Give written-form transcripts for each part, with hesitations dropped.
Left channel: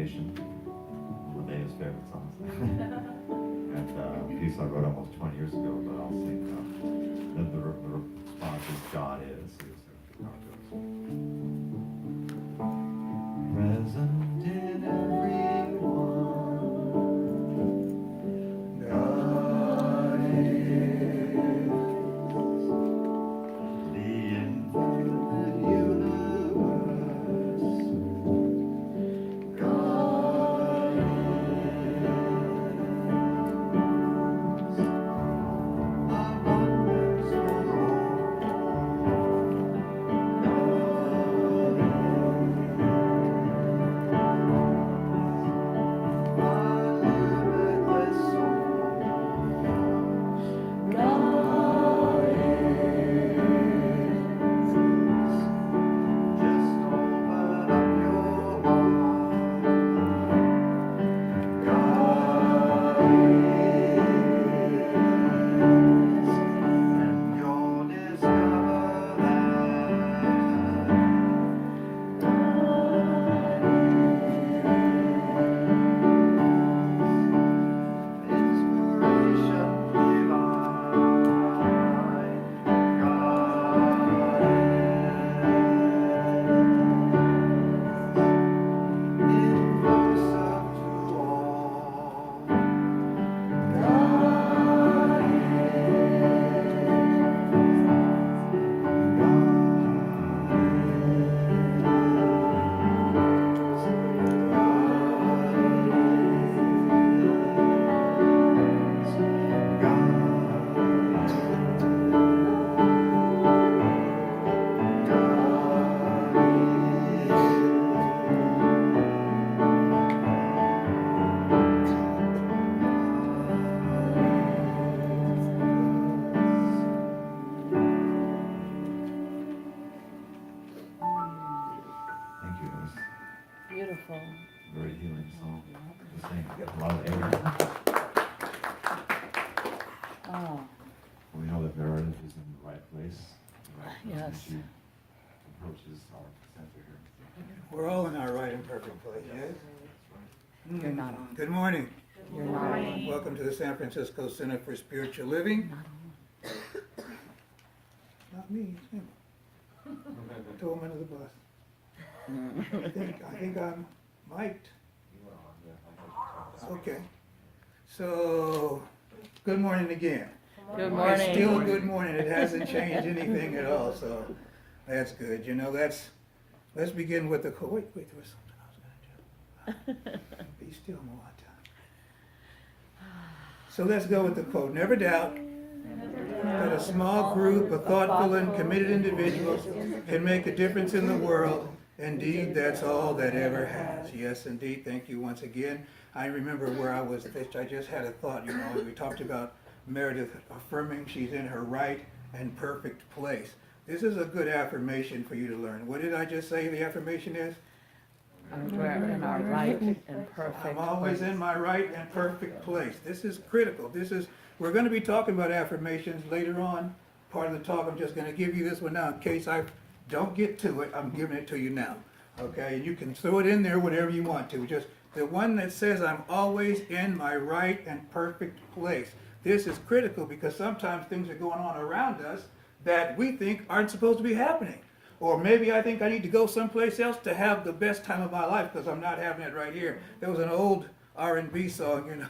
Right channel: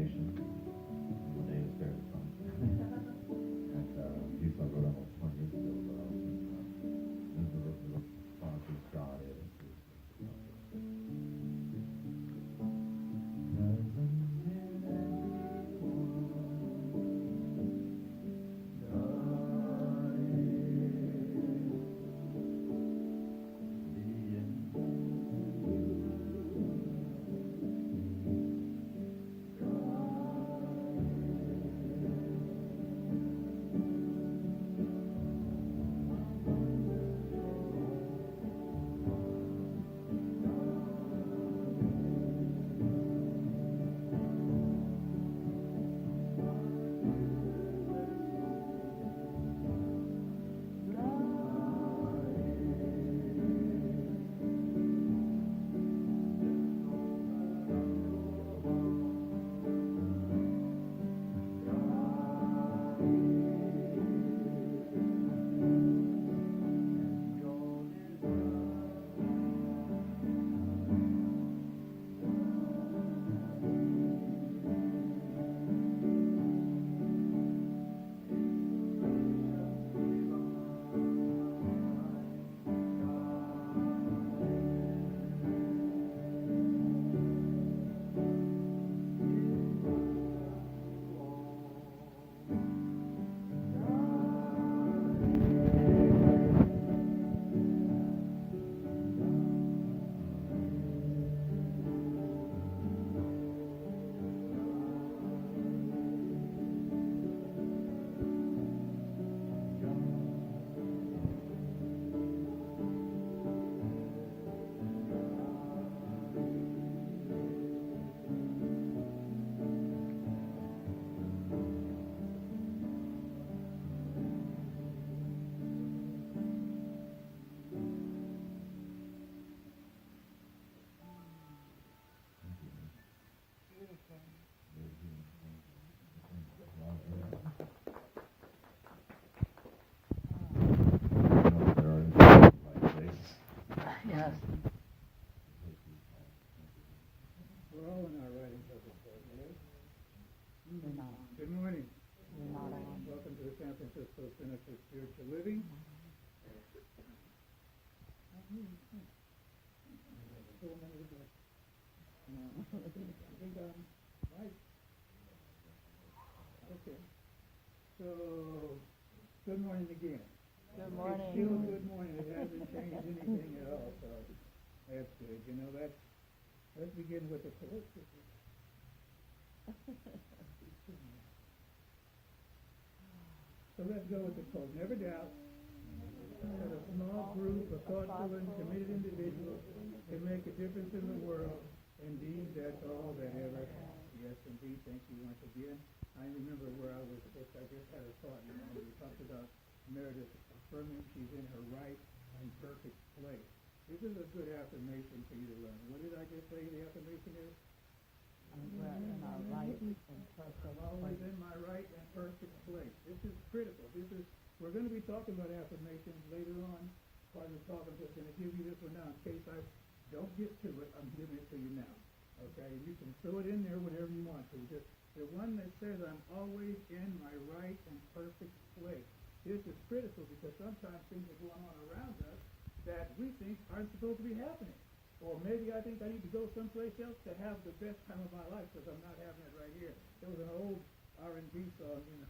Nation, one of Dave's favorite songs. And a piece I wrote almost 20 years ago, but I'll sing. Then the response is God is. So you'll see how it goes. Present in everyone, God is the infinite universe. God is abundance for Beautiful. very healing song to sing. Get a lot of air. Oh, You know that there is in the right place. yes. Approaches all the center here. We're all in our right and perfect place, yes? You're not on. Good morning. You're not on. Welcome to the San Francisco Center for Spiritual Living. Not me, it's him. Throw him under the bus. I think I'm mic'd. Okay. So, good morning again. Good It's morning. still good morning. It hasn't changed anything at all, so that's good. You know, let's begin with the, wait, there was something I was going to do. Be still more time. So let's go with the quote. Never doubt that a small group of thoughtful and committed individuals can make a difference in the world. Indeed, that's all that ever has. Yes, indeed. Thank you once again. I remember where I was, I just had a thought, you know, we talked about Meredith affirming she's in her right and perfect place. This is a good affirmation for you to learn. What did I just say the affirmation is? We're in our right and perfect I'm always place. in my right and perfect place. This is critical. We're going to be talking about affirmations later on. Part of the talk, I'm just going to give you this one now in case I don't get to it. I'm giving it to you now. Okay, and you can throw it in there whenever you want to. Just the one that says I'm always in my right and perfect place. This is critical because sometimes things are going on around us that we think aren't supposed to be happening. Or maybe I think I need to go someplace else to have the best time of my life because I'm not having it right here. There was an old R&B song, you know.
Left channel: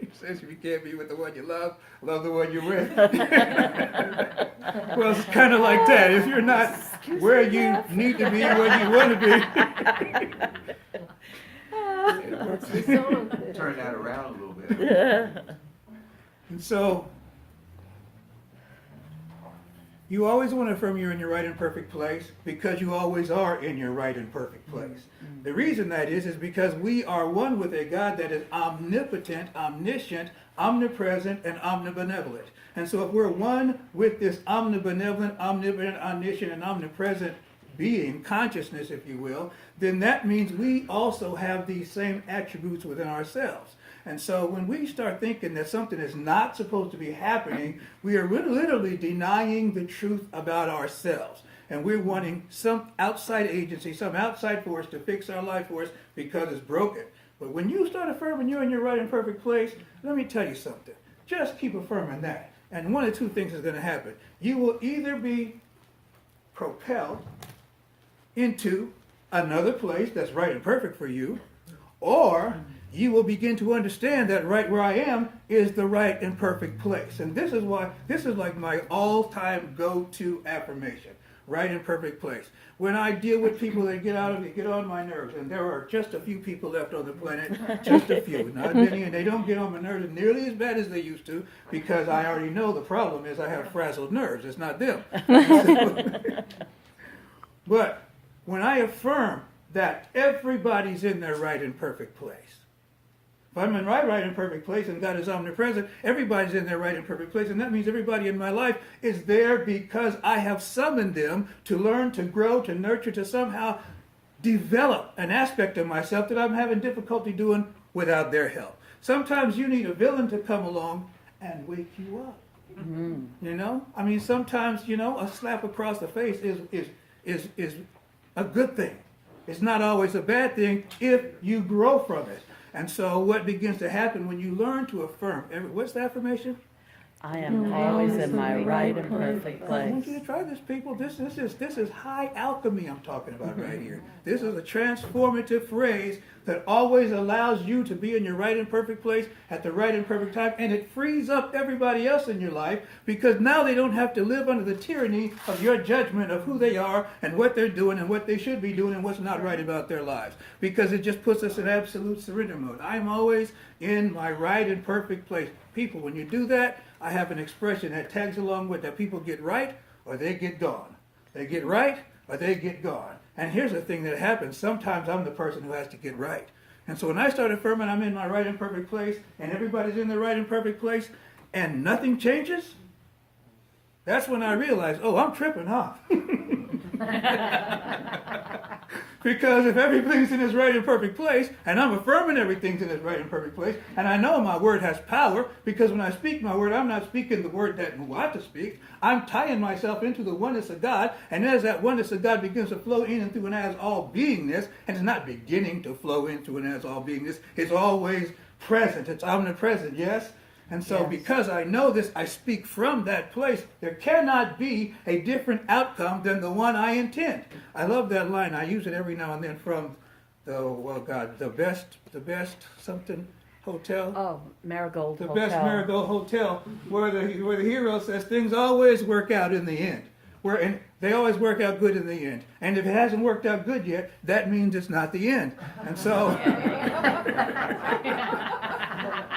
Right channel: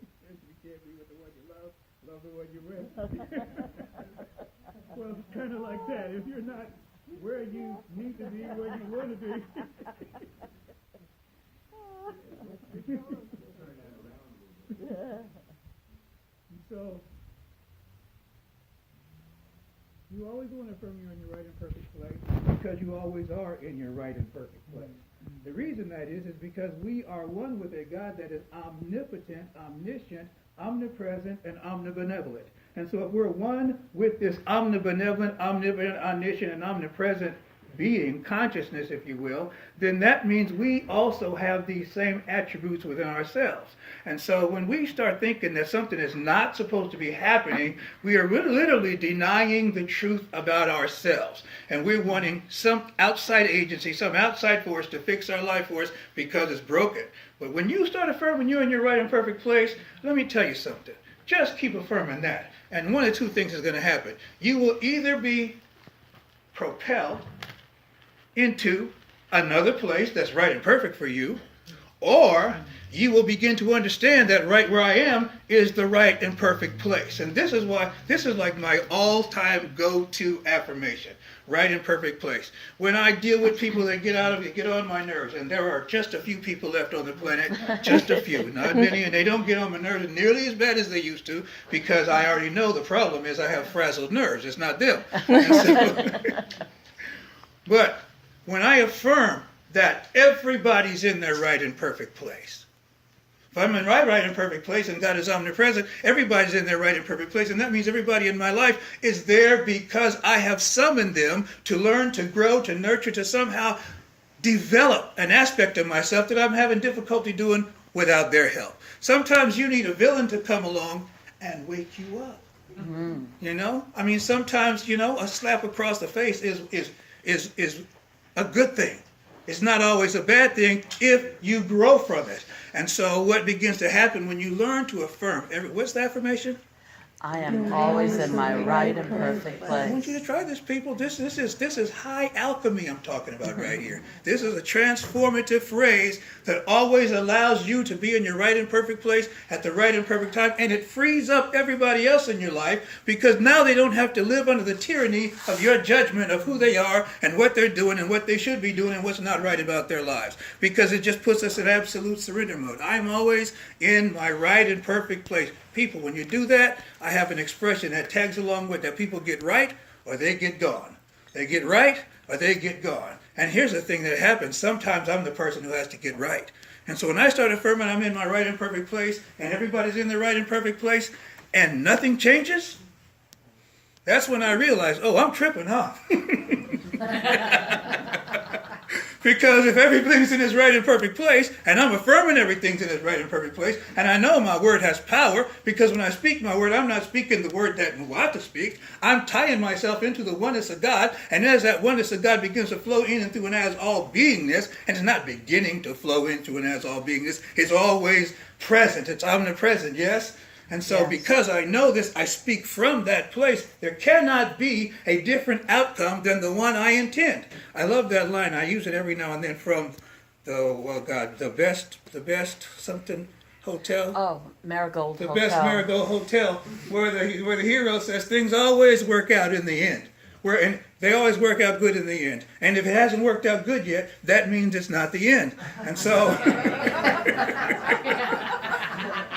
It says if you can't be with the one you love the one you're with. Well, it's kind of like that. If you're not where you need to be, where you want to be. Turn that around a little bit. And so, you always want to affirm you're in your right and perfect place because you always are in your right and perfect place. The reason that is because we are one with a God that is omnipotent, omniscient, omnipresent, and omnibenevolent. And so if we're one with this omnibenevolent, omnipotent, omniscient, and omnipresent being, consciousness, if you will, then that means we also have these same attributes within ourselves. And so when we start thinking that something is not supposed to be happening, we are literally denying the truth about ourselves. And we're wanting some outside agency, some outside force to fix our life for us because it's broken. But when you start affirming you're in your right and perfect place, let me tell you something. Just keep affirming that. And one of two things is going to happen. You will either be propelled into another place that's right and perfect for you, or you will begin to understand that right where I am is the right and perfect place. And this is why, this is like my all-time go-to affirmation, right and perfect place. When I deal with people that get on my nerves, and there are just a few people left on the planet, just a few, not many, and they don't get on my nerves nearly as bad as they used to, because I already know the problem is I have frazzled nerves. It's not them. But when I affirm that everybody's in their right and perfect place, if I'm in my right and perfect place and God is omnipresent, everybody's in their right and perfect place. And that means everybody in my life is there because I have summoned them to learn, to grow, to nurture, to somehow develop an aspect of myself that I'm having difficulty doing without their help. Sometimes you need a villain to come along and wake you up. Mm-hmm. You know? I mean, sometimes, you know, a slap across the face is a good thing. It's not always a bad thing if you grow from it. And so what begins to happen when you learn to affirm, what's the affirmation? I am always in my right and perfect I want place. you to try this, people. This is high alchemy I'm talking about right here. This is a transformative phrase that always allows you to be in your right and perfect place at the right and perfect time, and it frees up everybody else in your life because now they don't have to live under the tyranny of your judgment of who they are and what they're doing and what they should be doing and what's not right about their lives, because it just puts us in absolute surrender mode. I'm always in my right and perfect place. People, when you do that, I have an expression that tags along with that: people get right or they get gone. They get right or they get gone. And here's the thing that happens. Sometimes I'm the person who has to get right. And so when I start affirming I'm in my right and perfect place and everybody's in their right and perfect place and nothing changes, that's when I realize, oh, I'm tripping, huh? Because if everything's in its right and perfect place, and I'm affirming everything's in its right and perfect place, and I know my word has power, because when I speak my word, I'm not speaking the word that I want to speak. I'm tying myself into the oneness of God, and as that oneness of God begins to flow in and through and as all beingness, and it's not beginning to flow into and as all beingness, it's always present, it's omnipresent, yes? And so because I know this, I speak from that place. There cannot be a different outcome than the one I intend. I love that line. I use it every now and then from the best something hotel. Oh, Marigold The Hotel. best Marigold Hotel, where the hero says things always work out in the end. And they always work out good in the end. And if it hasn't worked out good yet, that means it's not the end. And so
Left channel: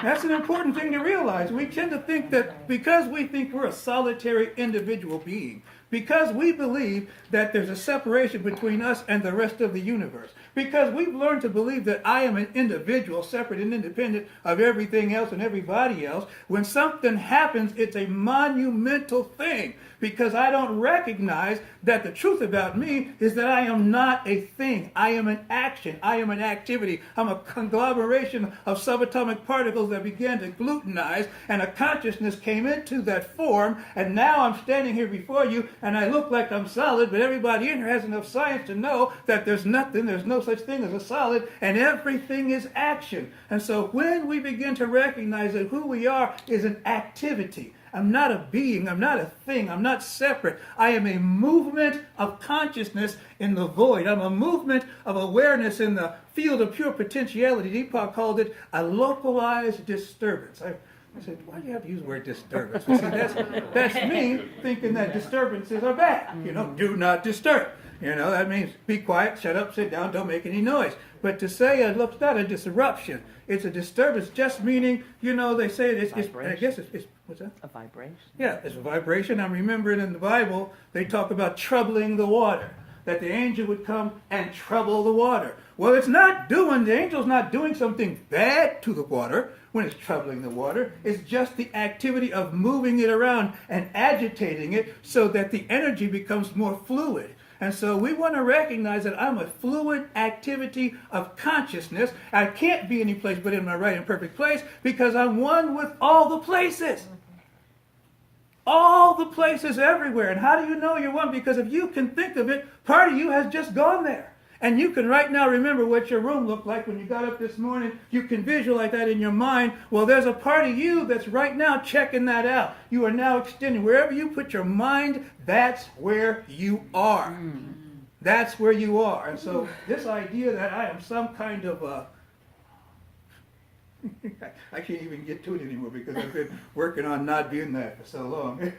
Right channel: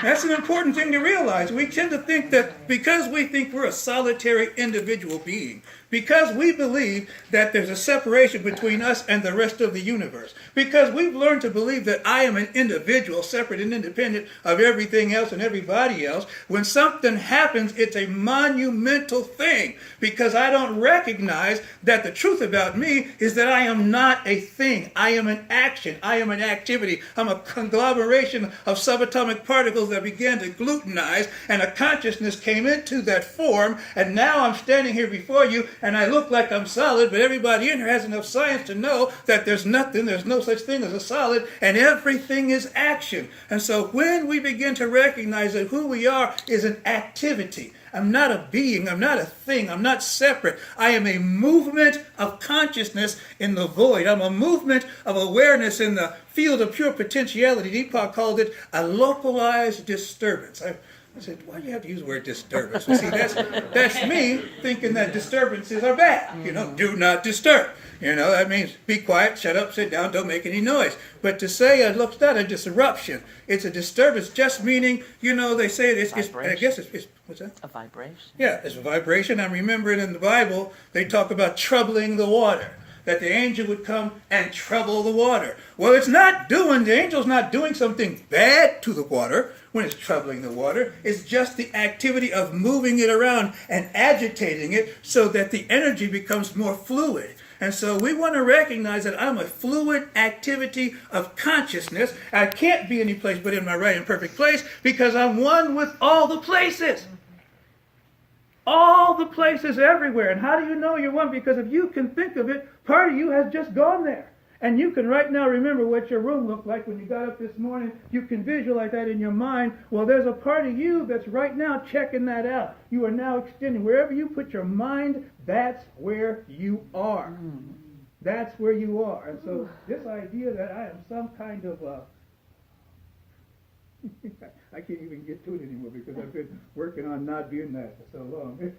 that's an important thing to realize. We tend to think that because we think we're a solitary individual being, because we believe that there's a separation between us and the rest of the universe, because we've learned to believe that I am an individual, separate and independent of everything else and everybody else, when something happens, it's a monumental thing, because I don't recognize that the truth about me is that I am not a thing. I am an action. I am an activity. I'm a conglomeration of subatomic particles that began to gluttenize, and a consciousness came into that form, and now I'm standing here before you, and I look like I'm solid, but everybody in here has enough science to know that there's no such thing as a solid, and everything is action. And so when we begin to recognize that who we are is an activity, I'm not a being, I'm not a thing, I'm not separate. I am a movement of consciousness in the void. I'm a movement of awareness in the field of pure potentiality. Deepak called it a localized disturbance. I said, why do you have to use the word disturbance? Well, see, that's me thinking that disturbances are bad. You know, do not disturb. You know, that means be quiet, shut up, sit down, don't make any noise. But to say it's not a disruption, it's a disturbance, just meaning, you know, they say it's I guess it's what's that? A vibration. Yeah, it's a vibration. I'm remembering in the Bible, they talk about troubling the water, that the angel would come and trouble the water. Well, the angel's not doing something bad to the water when it's troubling the water. It's just the activity of moving it around and agitating it so that the energy becomes more fluid. And so we want to recognize that I'm a fluid activity of consciousness. I can't be any place but in my right and perfect place because I'm one with all the places. All the places everywhere. And how do you know you're one? Because if you can think of it, part of you has just gone there. And you can right now remember what your room looked like when you got up this morning. You can visualize that in your mind. Well, there's a part of you that's right now checking that out. You are now extending. Wherever you put your mind, that's where you are. That's where you are. And so this idea that I am some kind of I can't even get to it anymore because I've been working on not being that for so long.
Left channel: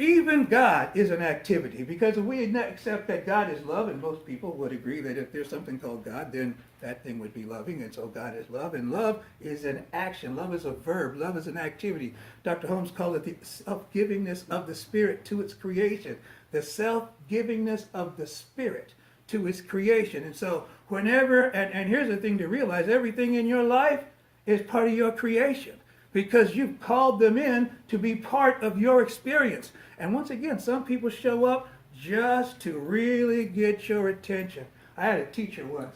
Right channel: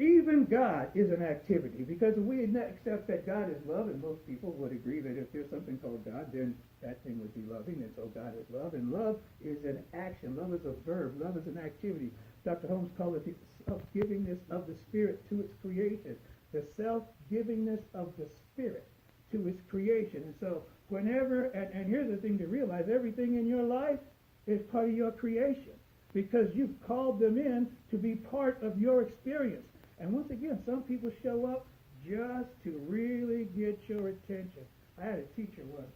Even God is an activity, because if we accept that God is love, and most people would agree that if there's something called God, then that thing would be loving, and so God is love, and love is an action. Love is a verb. Love is an activity. Dr. Holmes called it the self-givingness of the Spirit to its creation. The self-givingness of the Spirit to its creation. And so whenever, and here's the thing to realize, everything in your life is part of your creation, because you've called them in to be part of your experience. And once again, some people show up just to really get your attention. I had a teacher once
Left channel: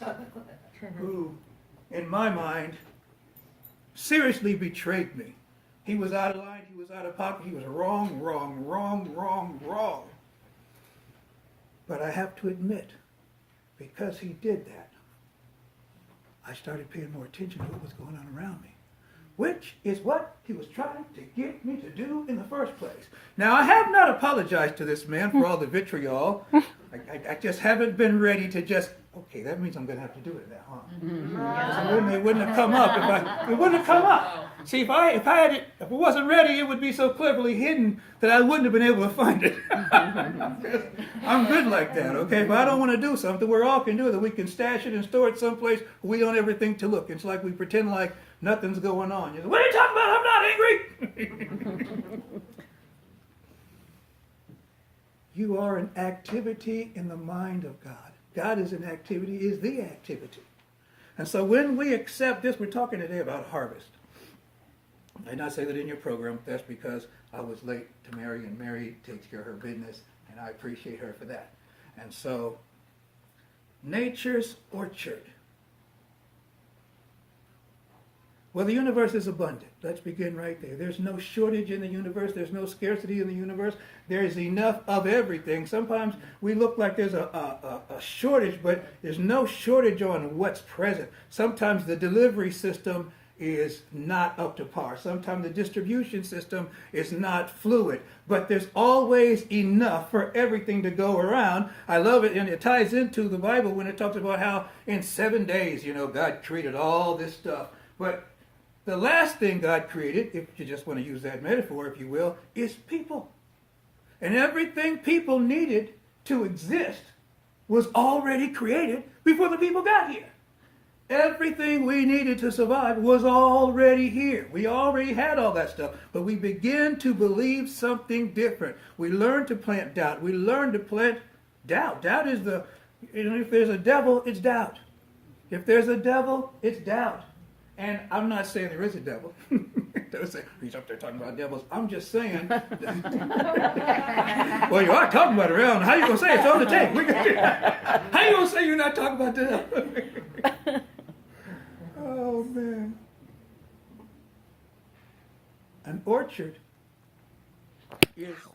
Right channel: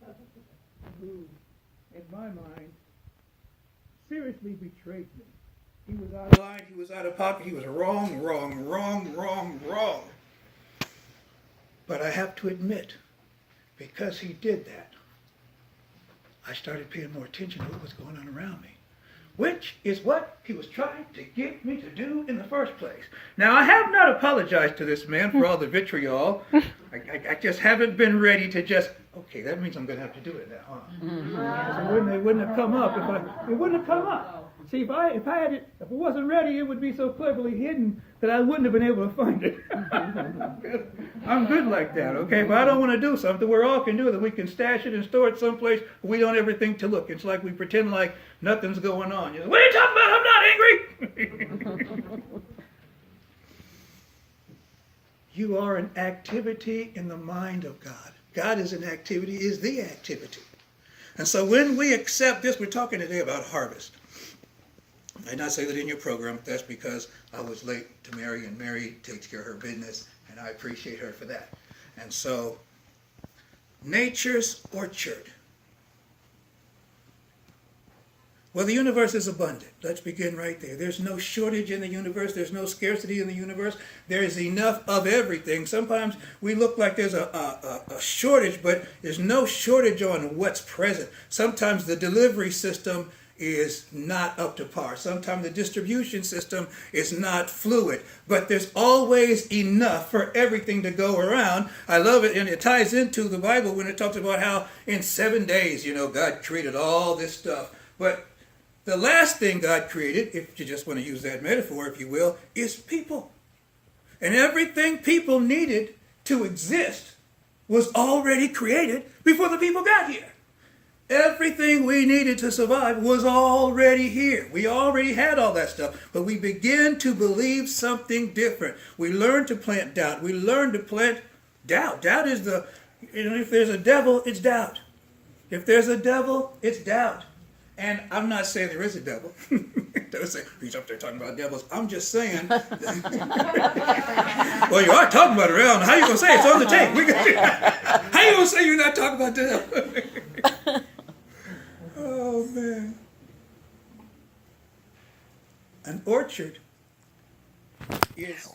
who, in my mind, seriously betrayed me. He was out of line, he was out of pocket, he was wrong. But I have to admit, because he did that, I started paying more attention to what was going on around me, which is what he was trying to get me to do in the first place. Now, I have not apologized to this man for all the vitriol. I just haven't been ready to just, okay, that means I'm going to have to do it now, huh? It wouldn't have come up it wouldn't have come up. See, if it wasn't ready, it would be so cleverly hidden that I wouldn't have been able to find it. I'm good like that, okay? But I don't want to do something we're all can do, that we can stash it and store it someplace we don't ever think to look. It's like we pretend like nothing's going on. You know, what are you talking about? I'm not angry. You are an activity in the mind of God. God is an activity, is the activity. And so when we accept this, we're talking today about harvest. I did not say that in your program. That's because I was late to Mary, and Mary takes care of her business, and I appreciate her for that. And so, nature's orchard. Well, the universe is abundant. Let's begin right there. There's no shortage in the universe. There's no scarcity in the universe. There is enough of everything. Sometimes we look like there's a shortage, but there's no shortage on what's present. Sometimes the delivery system is not up to par. Sometimes the distribution system is not fluid, but there's always enough for everything to go around. I love it, and it ties into the Bible when it talks about how in 7 days, God created all this stuff. But the last thing God created, if you just want to use that metaphor, if you will, is people. And everything people needed to exist was already created before the people got here. Everything we needed to survive was already here. We already had all that stuff, but we begin to believe something different. We learn to plant doubt. We learn to plant doubt. Doubt is if there's a devil, it's doubt. If there's a devil, it's doubt. And I'm not saying there is a devil. Don't say, he's up there talking about devils. I'm just saying. Well, you are talking about it around. How you going to say it's on the tape? How you going to say you're not talking about the devil? Oh, man. An orchard is